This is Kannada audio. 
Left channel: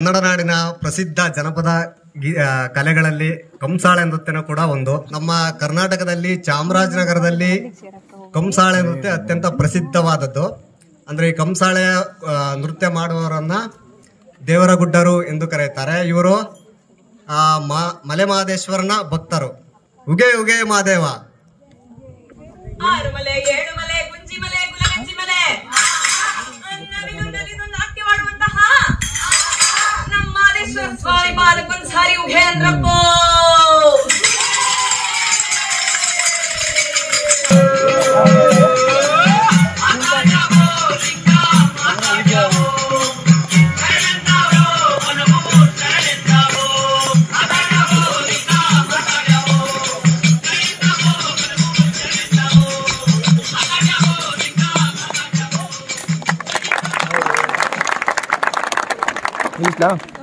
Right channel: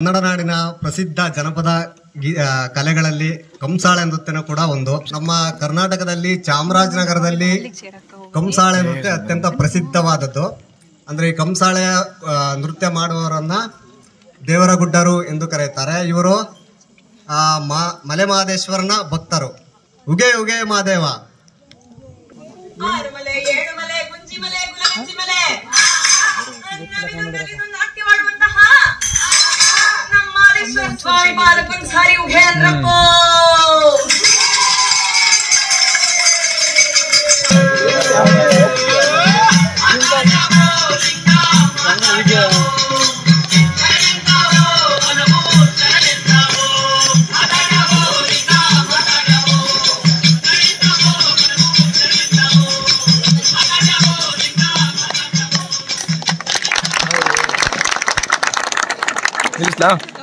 ಕನ್ನಡ ನಾಡಿನ ಪ್ರಸಿದ್ಧ ಜನಪದ ಕಲೆಗಳಲ್ಲಿ ಕಂಸಾಳೆ ನೃತ್ಯನೂ ಕೂಡ ಒಂದು. ನಮ್ಮ ಕರ್ನಾಟಕದಲ್ಲಿ ಚಾಮರಾಜನಗರದಲ್ಲಿ ಕಂಸಾಳೆ ನೃತ್ಯ ಅತ್ಯಂತ ಪ್ರಸಿದ್ಧವಾದದ್ದು. ಅಂದ್ರೆ ಈ ಕಂಸಾಳೆ ನೃತ್ಯ ಮಾಡುವವರನ್ನ ದೇವರಗುಡ್ಡರು ಎಂದು ಕರೆಯುತ್ತಾರೆ. ಇವರು ಮಲೆಮಹದೇಶ್ವರನ ಭಕ್ತರು. ಉಗೆ ಉಗೆ ಮಾದೇವ. ಸ್ವಾಮಿ ಬಾಲಕನ್ ಸಾರಿ ಉಘೆ ಅಂದ್ರಪ್ಪೋ. Listo.